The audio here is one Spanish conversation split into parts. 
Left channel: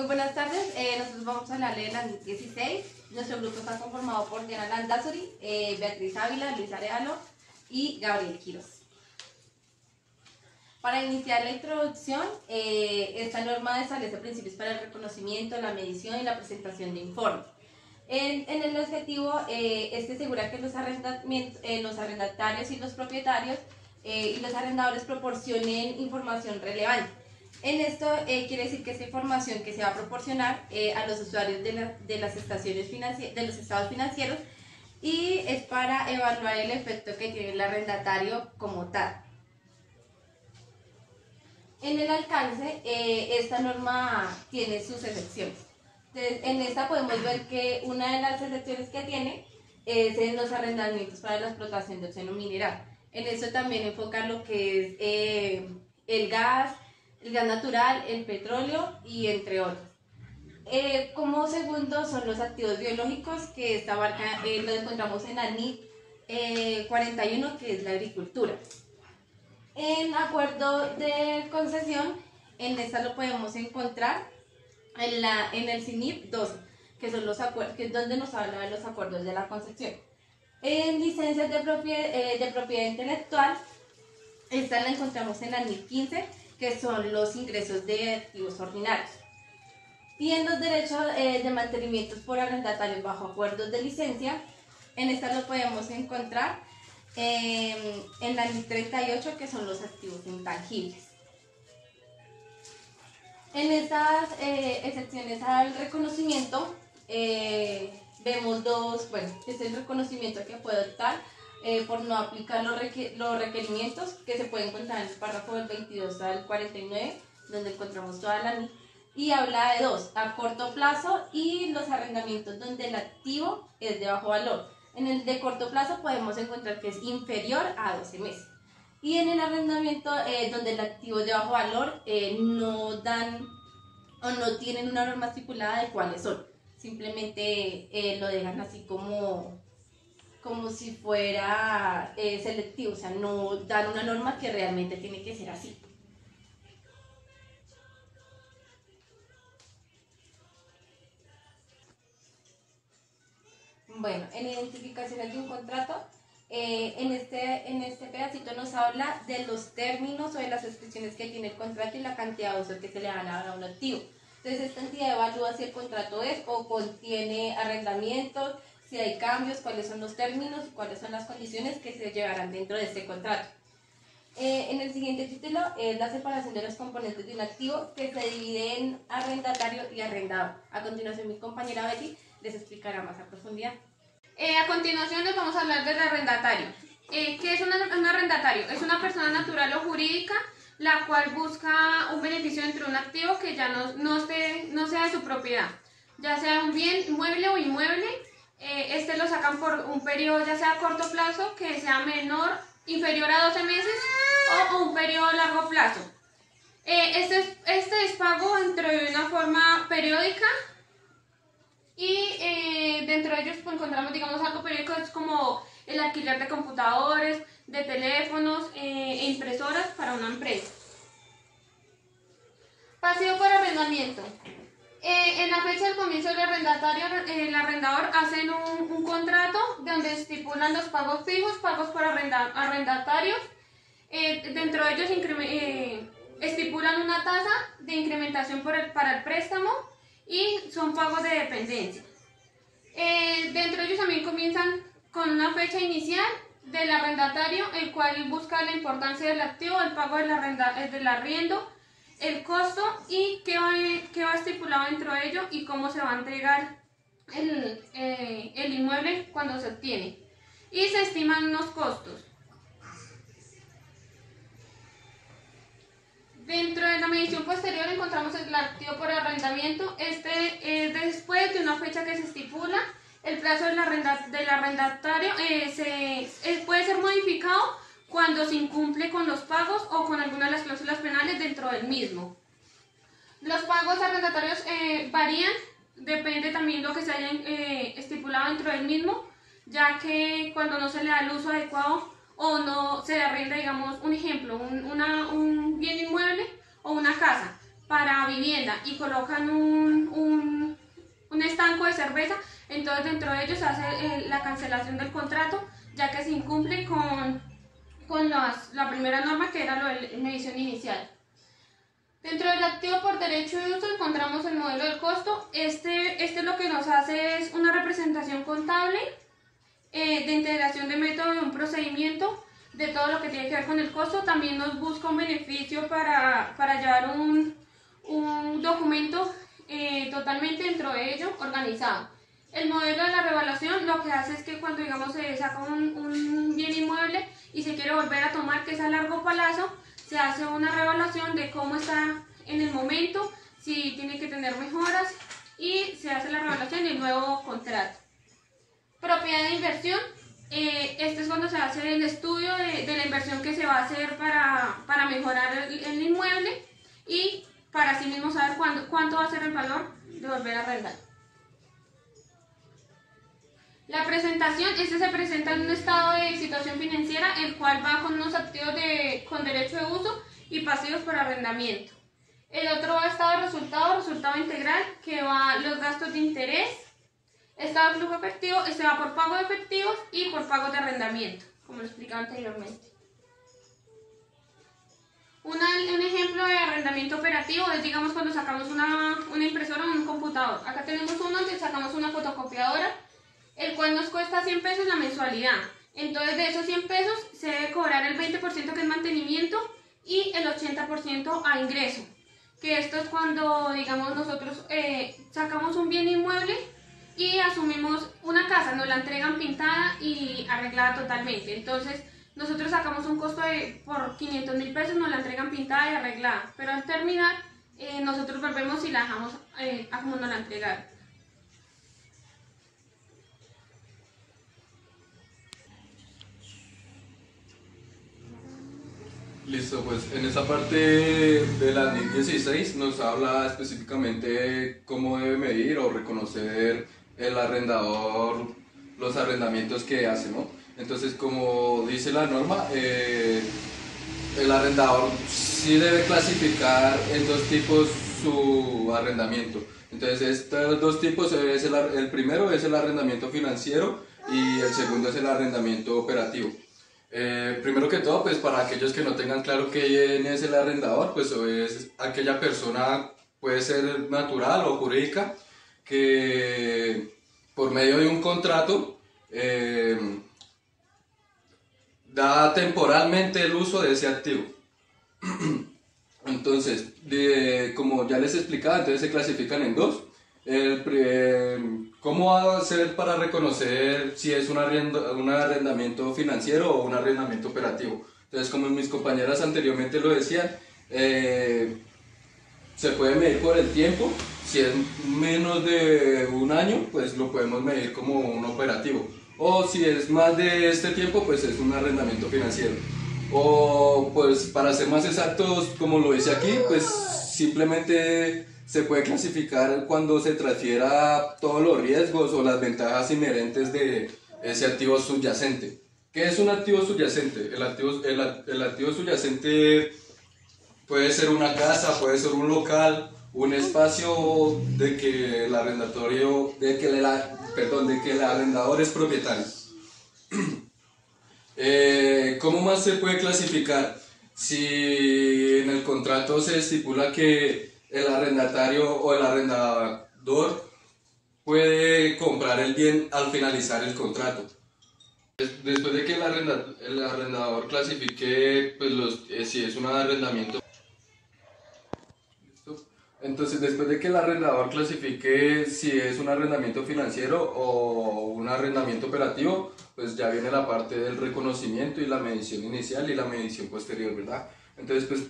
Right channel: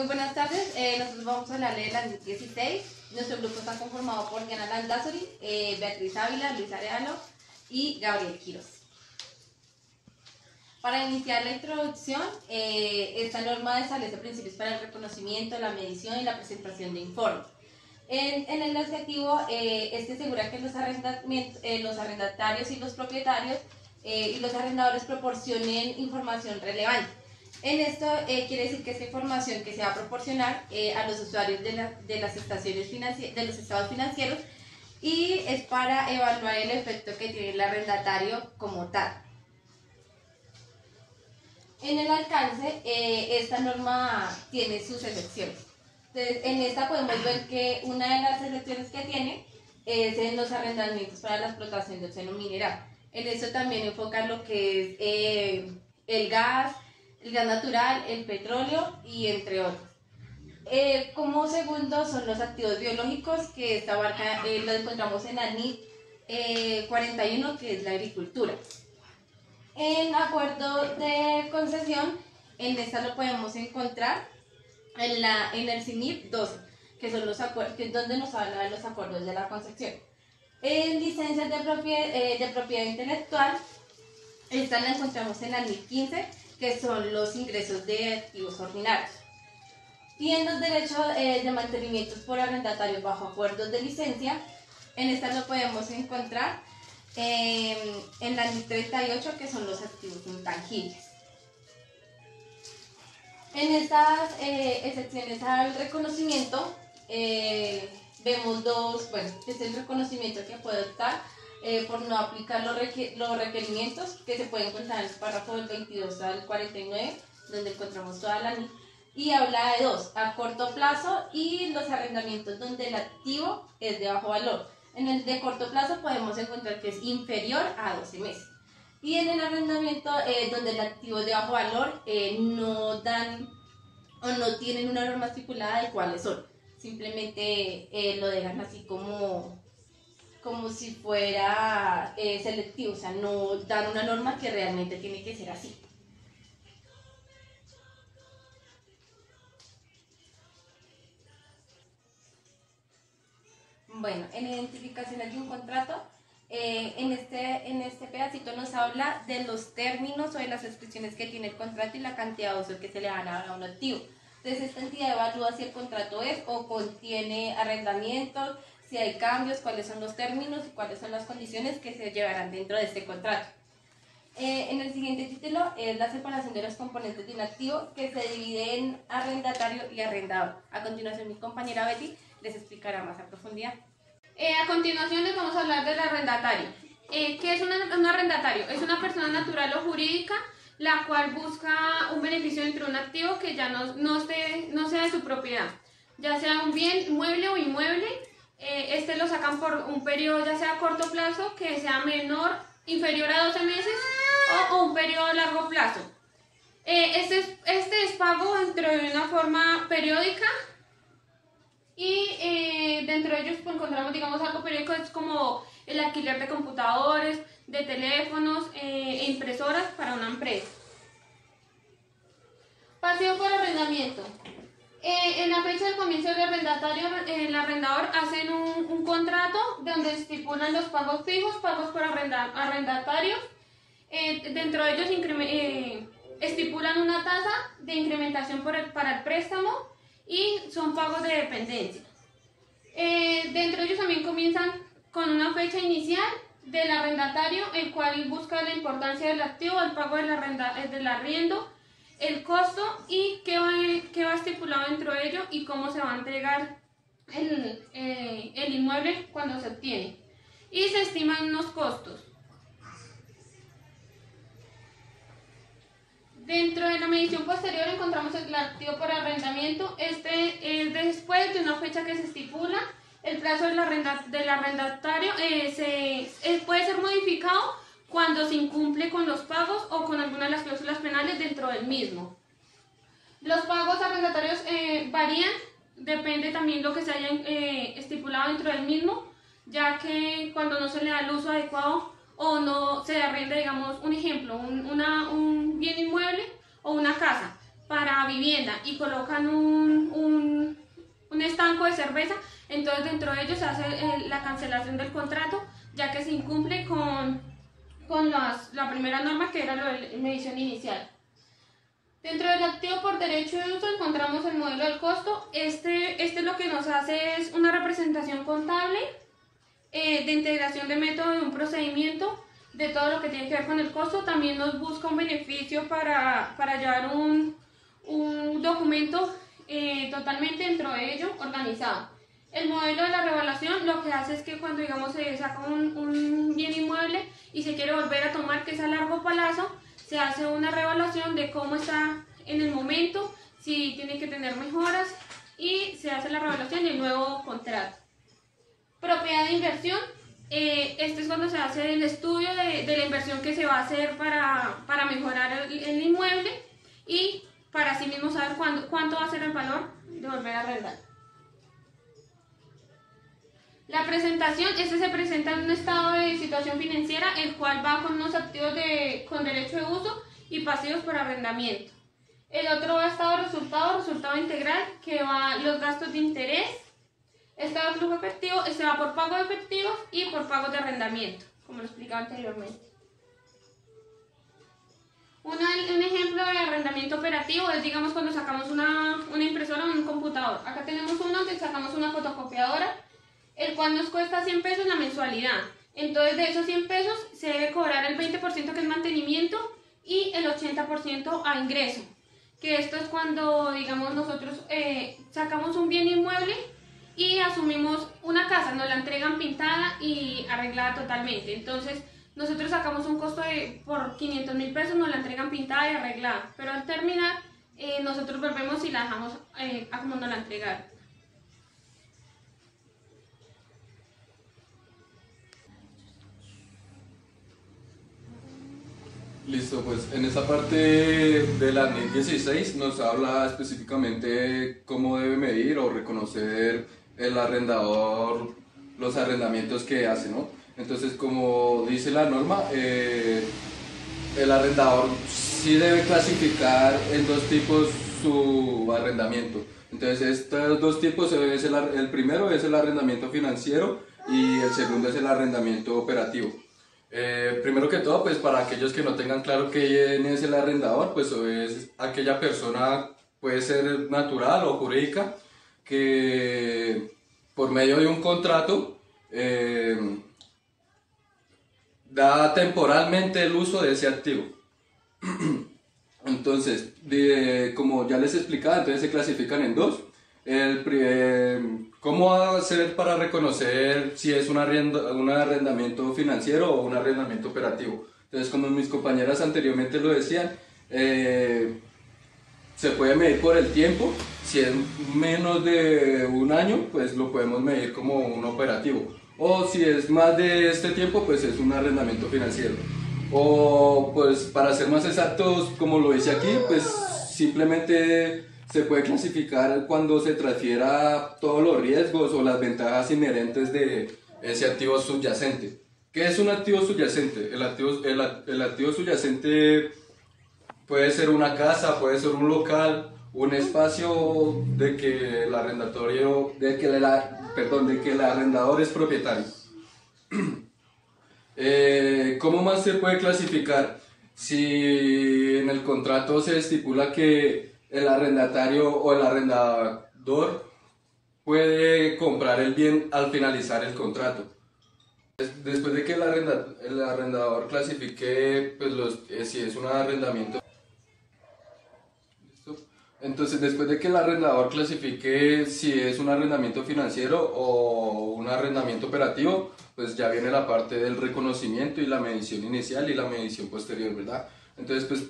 Muy buenas tardes, nosotros vamos a hablar de la NIT 16. Nuestro grupo está conformado por Diana Landazuri, Beatriz Ávila, Luis Arellano y Gabriel Quiroz. Para iniciar la introducción, esta norma establece principios para el reconocimiento, la medición y la presentación de informes. En el objetivo es que asegura que los arrendatarios y los propietarios y los arrendadores proporcionen información relevante. En esto quiere decir que esta información que se va a proporcionar a los usuarios de las estaciones de los estados financieros, y es para evaluar el efecto que tiene el arrendatario como tal. En el alcance, esta norma tiene sus excepciones. Entonces, en esta podemos ver que una de las excepciones que tiene es en los arrendamientos para la explotación del seno mineral. En eso también enfoca lo que es el gas natural, el petróleo y entre otros. Como segundo son los activos biológicos, que esta abarca, lo encontramos en la NIT 41, que es la agricultura. En acuerdo de concesión, en esta lo podemos encontrar en el CINIP 12, que son los acuerdos, que es donde nos habla de los acuerdos de la concesión. En licencias de propiedad intelectual, esta la encontramos en la NIT 15, que son los ingresos de activos ordinarios. Y en los derechos de mantenimientos por arrendatarios bajo acuerdos de licencia, en esta lo podemos encontrar en la NIT 38, que son los activos intangibles. En estas excepciones al reconocimiento, vemos dos, bueno, es el reconocimiento que puede optar por no aplicar los requerimientos que se pueden encontrar en el párrafo del 22 al 49, donde encontramos toda la NIT, y habla de dos, a corto plazo y los arrendamientos donde el activo es de bajo valor. En el de corto plazo podemos encontrar que es inferior a 12 meses. Y en el arrendamiento donde el activo es de bajo valor, no dan o no tienen una norma estipulada de cuáles son. Simplemente lo dejan así como si fuera selectivo, o sea, no dan una norma que realmente tiene que ser así. Bueno, en identificaciones de un contrato, en este pedacito nos habla de los términos o de las descripciones que tiene el contrato y la cantidad de uso que se le van a dar a un activo. Entonces, esta entidad evalúa si el contrato es o contiene arrendamientos, si hay cambios, cuáles son los términos y cuáles son las condiciones que se llevarán dentro de este contrato. En el siguiente título es la separación de los componentes de un activo, que se divide en arrendatario y arrendador. A continuación, mi compañera Betty les explicará más a profundidad. A continuación les vamos a hablar del arrendatario. ¿Qué es un arrendatario? Es una persona natural o jurídica la cual busca un beneficio dentro de un activo que ya no sea de su propiedad, ya sea un bien mueble o inmueble. Este lo sacan por un periodo ya sea a corto plazo, que sea inferior a 12 meses, o un periodo a largo plazo. Este es pago dentro de una forma periódica. Y dentro de ellos pues, encontramos, digamos, algo periódico, es como el alquiler de computadores, de teléfonos e impresoras para una empresa. Pasivo por arrendamiento. En la fecha del comienzo del arrendatario, el arrendador hacen un contrato donde estipulan los pagos fijos, pagos por arrendatarios. Dentro de ellos estipulan una tasa de incrementación para el préstamo, y son pagos de dependencia. Dentro de ellos también comienzan con una fecha inicial del arrendatario, el cual busca la importancia del activo, el pago del arriendo, el costo y qué va estipulado dentro de ello y cómo se va a entregar el inmueble cuando se obtiene. Y se estiman unos costos. Dentro de la medición posterior encontramos el activo por arrendamiento. Este es después de una fecha que se estipula. El plazo del arrendatario puede ser modificado cuando se incumple con los pagos o con alguna de las cláusulas penales dentro del mismo. Los pagos arrendatarios varían, depende también de lo que se haya estipulado dentro del mismo, ya que cuando no se le da el uso adecuado o no se arrienda, digamos, un ejemplo, un bien inmueble o una casa, para vivienda y colocan un estanco de cerveza, entonces dentro de ellos se hace la cancelación del contrato, ya que se incumple con la primera norma, que era lo de medición inicial. Dentro del activo por derecho de uso encontramos el modelo del costo. Este lo que nos hace es una representación contable de integración de método de un procedimiento, de todo lo que tiene que ver con el costo. También nos busca un beneficio para llevar un documento totalmente dentro de ello organizado. El modelo de la revaluación lo que hace es que cuando, digamos, se saca un bien inmueble y se quiere volver a tomar, que es a largo plazo, se hace una revaluación de cómo está en el momento, si tiene que tener mejoras, y se hace la revaluación del nuevo contrato. Propiedad de inversión. Este es cuando se hace el estudio de la inversión que se va a hacer para mejorar el inmueble y para así mismo saber cuánto va a ser el valor de volver a arrendar. La presentación, se presenta en un estado de situación financiera, el cual va con unos activos con derecho de uso y pasivos por arrendamiento. El otro estado de resultado integral, que va los gastos de interés, estado de flujo efectivo, este va por pago de efectivos y por pagos de arrendamiento, como lo explicaba anteriormente. Un ejemplo de arrendamiento operativo es, digamos, cuando sacamos una impresora o un computador. Acá tenemos uno donde sacamos una fotocopiadora, el cual nos cuesta 100 pesos la mensualidad. Entonces, de esos 100 pesos se debe cobrar el 20% que es mantenimiento y el 80% a ingreso. Que esto es cuando, digamos, nosotros sacamos un bien inmueble y asumimos una casa, nos la entregan pintada y arreglada totalmente. Entonces, nosotros sacamos un costo por 500.000 pesos, nos la entregan pintada y arreglada. Pero al terminar, nosotros volvemos y la dejamos a como nos la entregaron. Listo, pues en esta parte de la NIT 16 nos habla específicamente cómo debe medir o reconocer el arrendador los arrendamientos que hace, ¿no? Entonces, como dice la norma, el arrendador sí debe clasificar en dos tipos su arrendamiento. Entonces, estos dos tipos, el primero es el arrendamiento financiero y el segundo es el arrendamiento operativo. Primero que todo, pues para aquellos que no tengan claro quién es el arrendador, pues es aquella persona, puede ser natural o jurídica, que por medio de un contrato da temporalmente el uso de ese activo. Entonces, como ya les explicaba, entonces se clasifican en dos. ¿Cómo hacer para reconocer si es un arrendamiento financiero o un arrendamiento operativo? Entonces, como mis compañeras anteriormente lo decían, se puede medir por el tiempo. Si es menos de un año, pues lo podemos medir como un operativo. O si es más de este tiempo, pues es un arrendamiento financiero. O pues para ser más exactos, como lo dice aquí, pues simplemente se puede clasificar cuando se transfiera todos los riesgos o las ventajas inherentes de ese activo subyacente. ¿Qué es un activo subyacente? El activo subyacente puede ser una casa, puede ser un local, un espacio de que el arrendador es propietario. ¿Cómo más se puede clasificar? Si en el contrato se estipula que el arrendatario o el arrendador puede comprar el bien al finalizar el contrato. Después de que el arrendador clasifique pues si es un arrendamiento. Entonces, después de que el arrendador clasifique si es un arrendamiento financiero o un arrendamiento operativo, pues ya viene la parte del reconocimiento y la medición inicial y la medición posterior, ¿verdad? Entonces, pues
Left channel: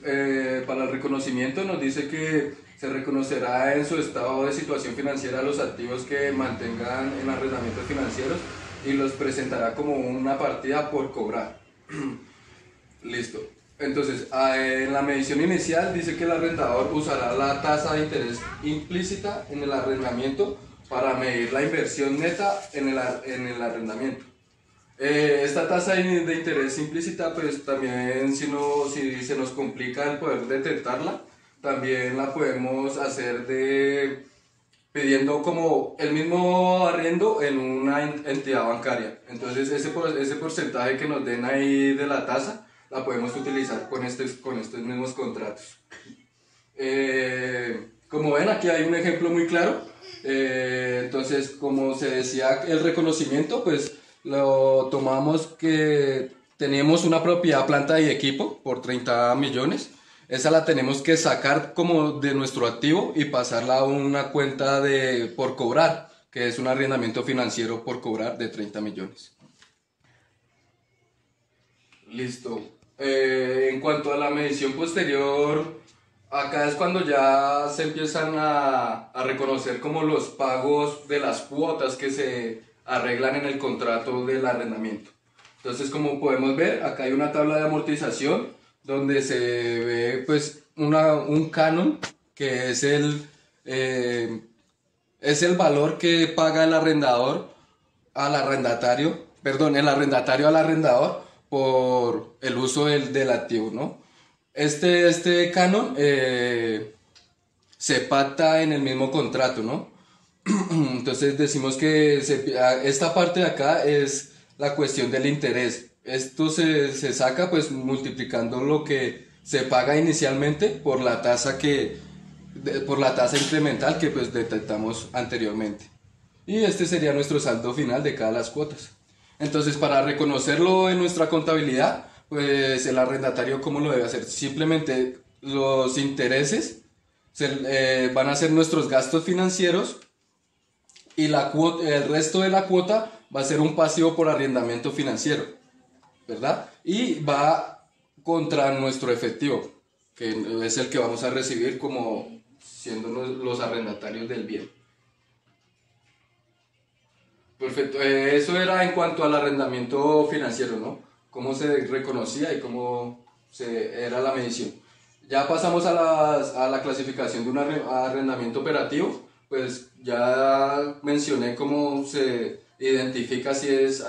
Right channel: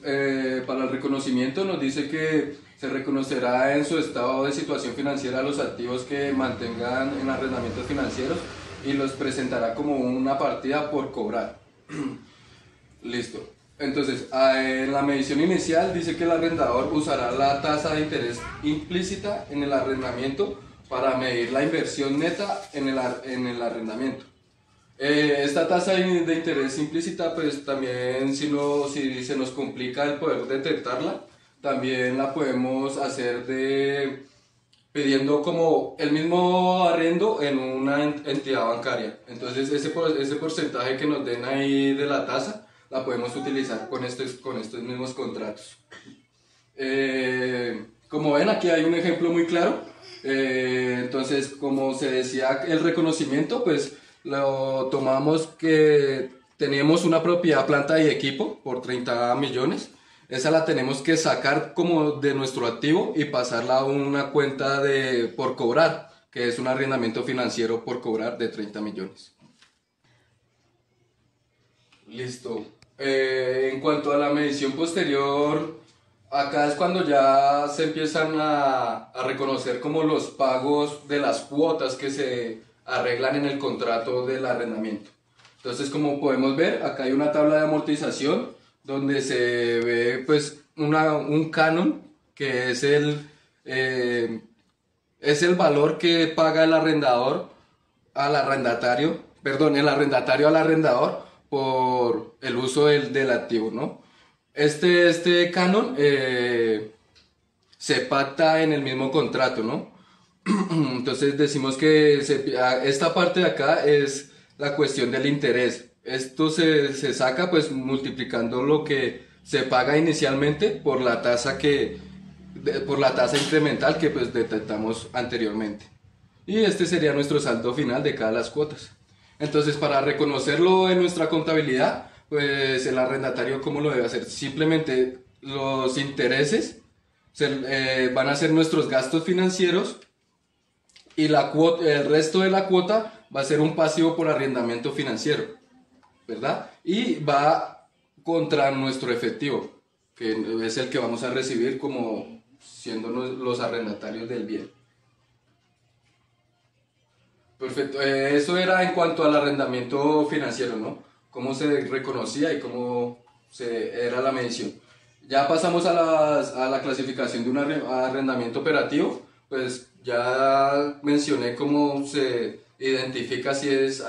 para el reconocimiento nos dice que se reconocerá en su estado de situación financiera los activos que mantengan en arrendamientos financieros y los presentará como una partida por cobrar. Listo. Entonces, en la medición inicial dice que el arrendador usará la tasa de interés implícita en el arrendamiento para medir la inversión neta en el arrendamiento. Esta tasa de interés implícita, pues también si se nos complica el poder detectarla, también la podemos hacer pidiendo como el mismo arriendo en una entidad bancaria. Entonces ese porcentaje que nos den ahí de la tasa la podemos utilizar con estos mismos contratos. Como ven, aquí hay un ejemplo muy claro. Entonces, como se decía, el reconocimiento, pues lo tomamos que teníamos una propiedad, planta y equipo por 30 millones. Esa la tenemos que sacar como de nuestro activo y pasarla a una cuenta por cobrar, que es un arrendamiento financiero por cobrar de 30 millones. Listo. En cuanto a la medición posterior, acá es cuando ya se empiezan a reconocer como los pagos de las cuotas que se arreglan en el contrato del arrendamiento. Entonces, como podemos ver, acá hay una tabla de amortización donde se ve pues un canon que es el valor que paga el arrendador al arrendatario, el arrendatario al arrendador por el uso del activo, ¿no? Este canon se pacta en el mismo contrato, ¿no? Entonces decimos que esta parte de acá es la cuestión del interés. Esto se saca pues multiplicando lo que se paga inicialmente por la tasa incremental que pues detectamos anteriormente. Y este sería nuestro saldo final de cada las cuotas. Entonces, para reconocerlo en nuestra contabilidad, pues el arrendatario, ¿cómo lo debe hacer? Simplemente los intereses van a ser nuestros gastos financieros y el resto de la cuota va a ser un pasivo por arrendamiento financiero, ¿verdad? Y va contra nuestro efectivo, que es el que vamos a recibir como siendo los arrendatarios del bien. Perfecto, eso era en cuanto al arrendamiento financiero, ¿no? Cómo se reconocía y cómo era la medición. Ya pasamos a la clasificación de un arrendamiento operativo, pues ya mencioné cómo se identifica si es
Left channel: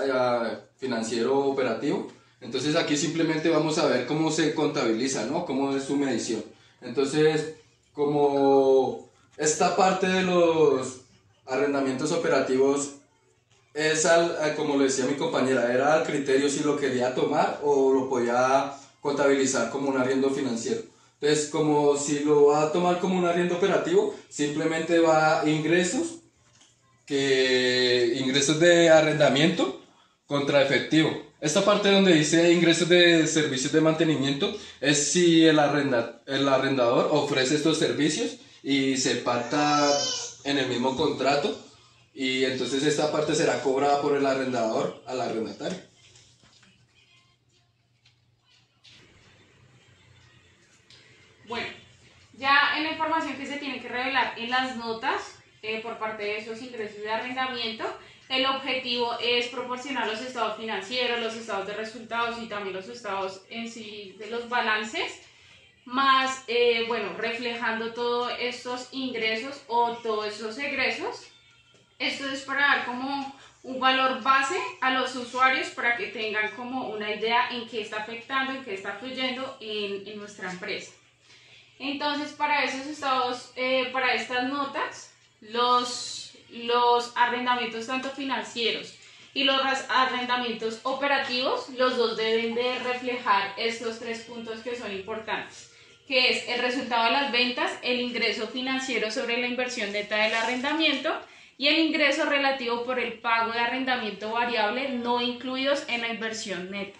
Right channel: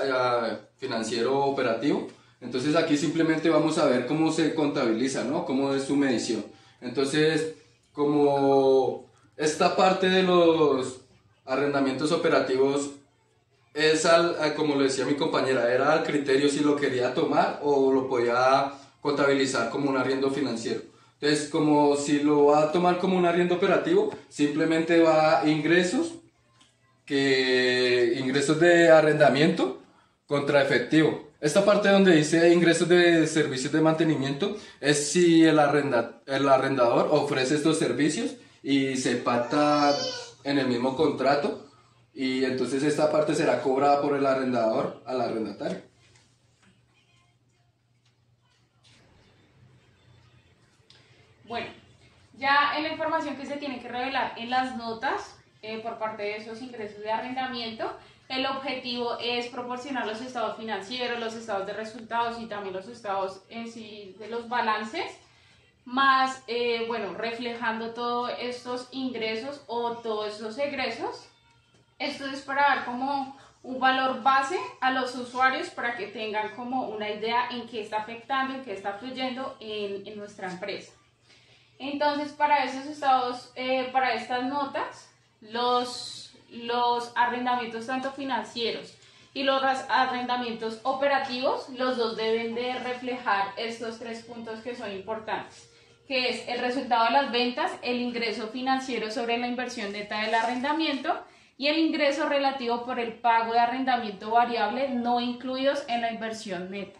financiero o operativo. Entonces aquí simplemente vamos a ver cómo se contabiliza, ¿no? Cómo es su medición. Entonces, como esta parte de los arrendamientos operativos es como lo decía mi compañera, era al criterio si lo quería tomar o lo podía contabilizar como un arriendo financiero. Entonces, como si lo va a tomar como un arriendo operativo, simplemente va a ingresos de arrendamiento contra efectivo. Esta parte donde dice ingresos de servicios de mantenimiento es si el arrendador ofrece estos servicios y se pacta en el mismo contrato, y entonces esta parte será cobrada por el arrendador al arrendatario. Bueno, ya en la información que se tiene que revelar en las notas por parte de esos ingresos de arrendamiento, el objetivo es proporcionar los estados financieros, los estados de resultados y también los estados en sí de los balances, más, reflejando todos estos ingresos o todos esos egresos. Esto es para dar como un valor base a los usuarios para que tengan como una idea en qué está afectando, en qué está fluyendo en nuestra empresa. Entonces, para esos estados, para estas notas, los arrendamientos tanto financieros y los arrendamientos operativos, los dos deben de reflejar estos tres puntos que son importantes, que es el resultado de las ventas, el ingreso financiero sobre la inversión neta del arrendamiento y el ingreso relativo por el pago de arrendamiento variable no incluidos en la inversión neta.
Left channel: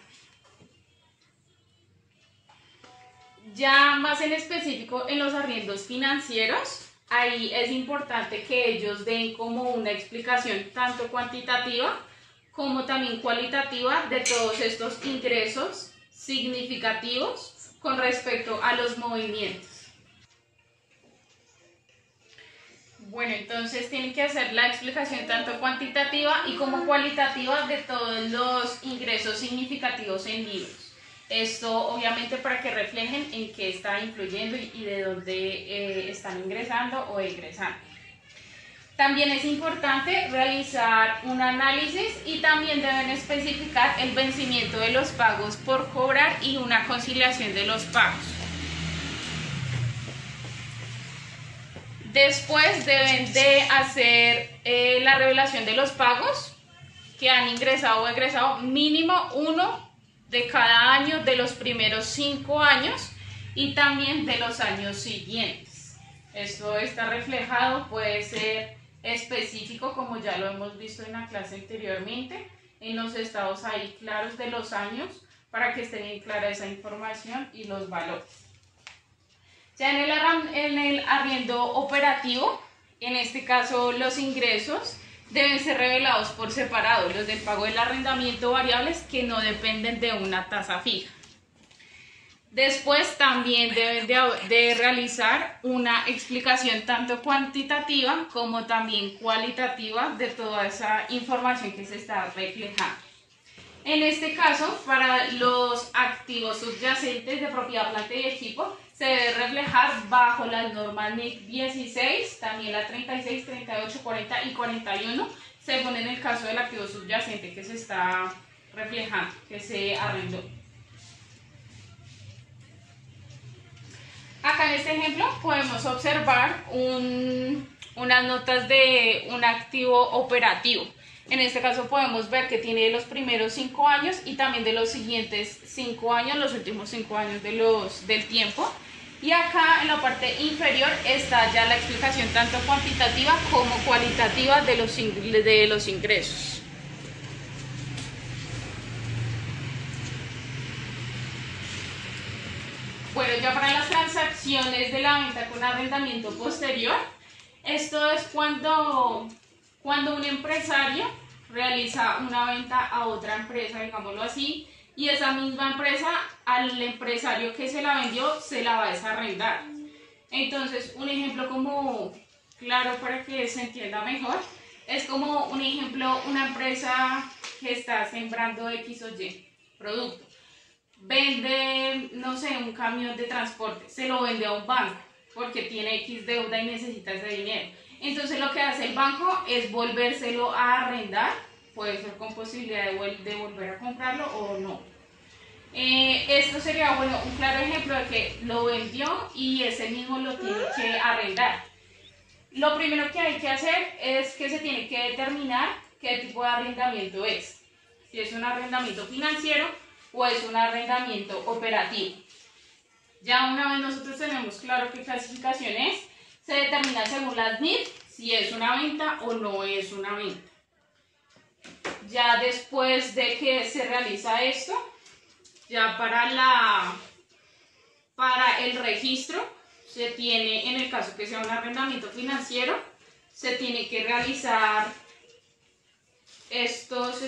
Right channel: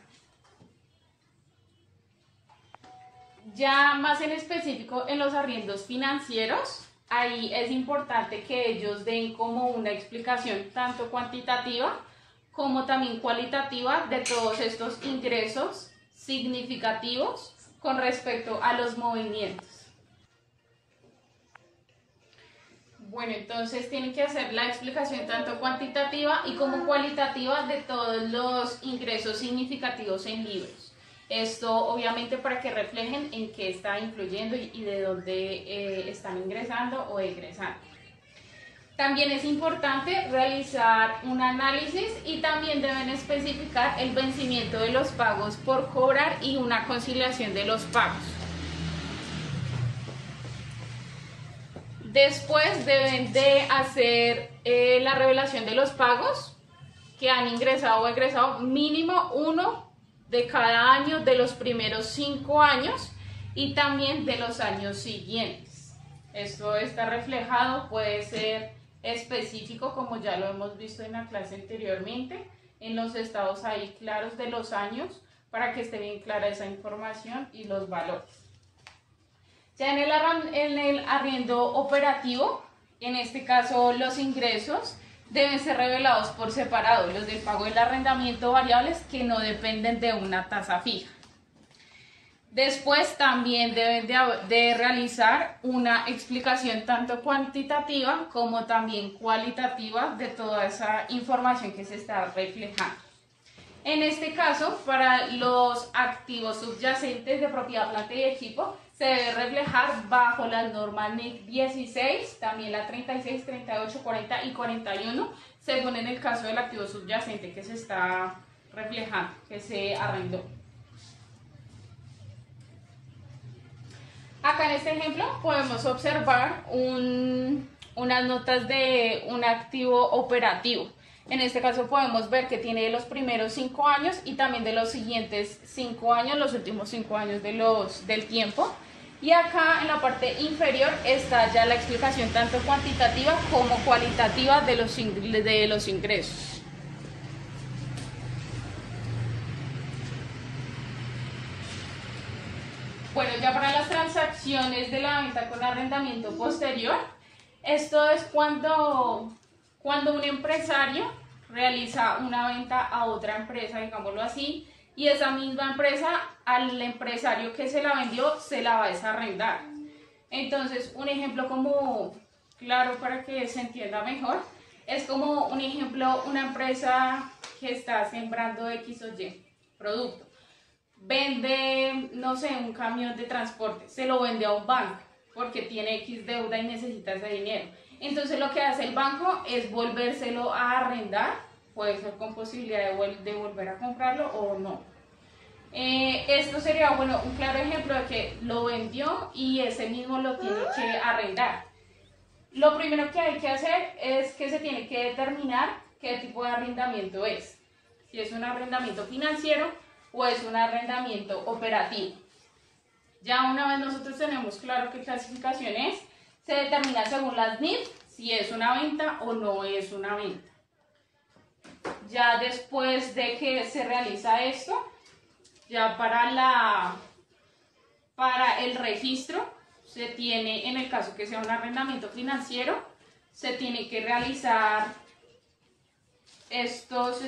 Ya más en específico en los arriendos financieros, ahí es importante que ellos den como una explicación tanto cuantitativa como también cualitativa de todos estos ingresos significativos con respecto a los movimientos. Bueno, entonces tienen que hacer la explicación tanto cuantitativa y como cualitativa de todos los ingresos significativos en libros. Esto obviamente para que reflejen en qué está influyendo y de dónde están ingresando o egresando. También es importante realizar un análisis y también deben especificar el vencimiento de los pagos por cobrar y una conciliación de los pagos. Después deben de hacer la revelación de los pagos que han ingresado o egresado, mínimo uno de cada año de los primeros 5 años y también de los años siguientes. Esto está reflejado, puede ser específico, como ya lo hemos visto en la clase anteriormente, en los estados ahí claros de los años, para que esté bien clara esa información y los valores. Ya en el arriendo operativo, en este caso los ingresos deben ser revelados por separado, los del pago del arrendamiento variables que no dependen de una tasa fija. Después también deben de realizar una explicación tanto cuantitativa como también cualitativa de toda esa información que se está reflejando. En este caso, para los activos subyacentes de propiedad, planta y equipo, se debe reflejar bajo las normas NIC 16, también la 36, 38, 40 y 41, según en el caso del activo subyacente que se está reflejando, que se arrendó. Acá en este ejemplo podemos observar unas notas de un activo operativo. En este caso podemos ver que tiene de los primeros 5 años y también de los siguientes 5 años, los últimos 5 años del tiempo. Y acá en la parte inferior está ya la explicación tanto cuantitativa como cualitativa de los ingresos. Bueno, ya para las transacciones de la venta con arrendamiento posterior, esto es cuando un empresario realiza una venta a otra empresa, digámoslo así, y esa misma empresa al empresario que se la vendió se la va a desarrendar. Entonces, un ejemplo como claro para que se entienda mejor, es como un ejemplo, una empresa que está sembrando X o Y producto. Vende, no sé, un camión de transporte, se lo vende a un banco porque tiene X deuda y necesita ese dinero. Entonces lo que hace el banco es volvérselo a arrendar, puede ser con posibilidad de volver a comprarlo o no. Esto sería un claro ejemplo de que lo vendió y ese mismo lo tiene que arrendar. Lo primero que hay que hacer es que se tiene que determinar qué tipo de arrendamiento es. Si es un arrendamiento financiero o es un arrendamiento operativo. Ya una vez nosotros tenemos claro qué clasificación es, se determina según las NIF si es una venta o no es una venta. Ya después de que se realiza esto, ya para el registro, se tiene, en el caso que sea un arrendamiento financiero, se tiene que realizar esto,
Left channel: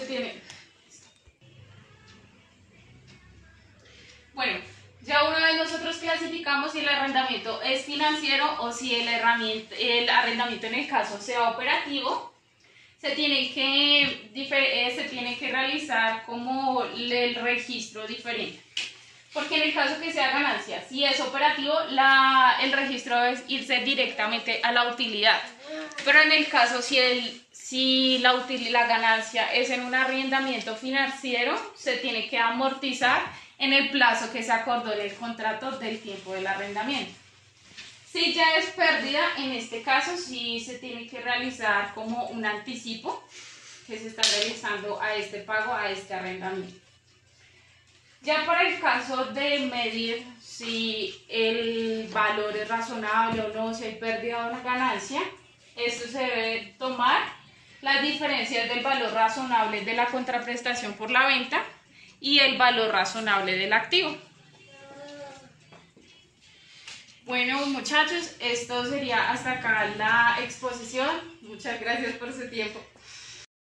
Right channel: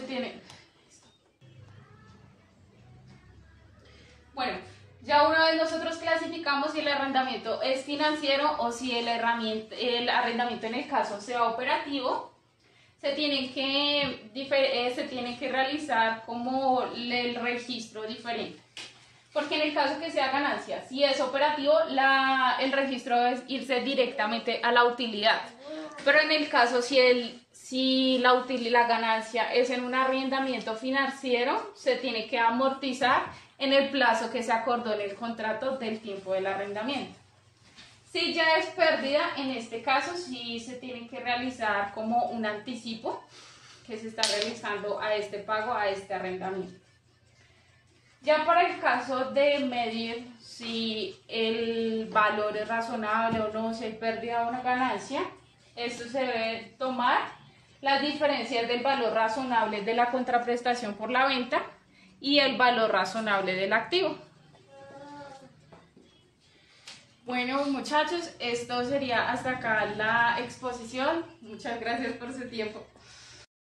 Bueno, ya una vez nosotros clasificamos si el arrendamiento es financiero o si el arrendamiento en el caso sea operativo, se tiene que realizar como el registro diferente. Porque en el caso que sea ganancia, si es operativo, el registro debe irse directamente a la utilidad. Pero en el caso si la ganancia es en un arrendamiento financiero, se tiene que amortizar en el plazo que se acordó en el contrato del tiempo del arrendamiento. Si ya es pérdida, en este caso sí se tiene que realizar como un anticipo que se está realizando a este pago, a este arrendamiento. Ya para el caso de medir si el valor es razonable o no, si hay pérdida o una ganancia, esto se debe tomar las diferencias del valor razonable de la contraprestación por la venta y el valor razonable del activo. Bueno, muchachos, esto sería hasta acá la exposición. Muchas gracias por su tiempo.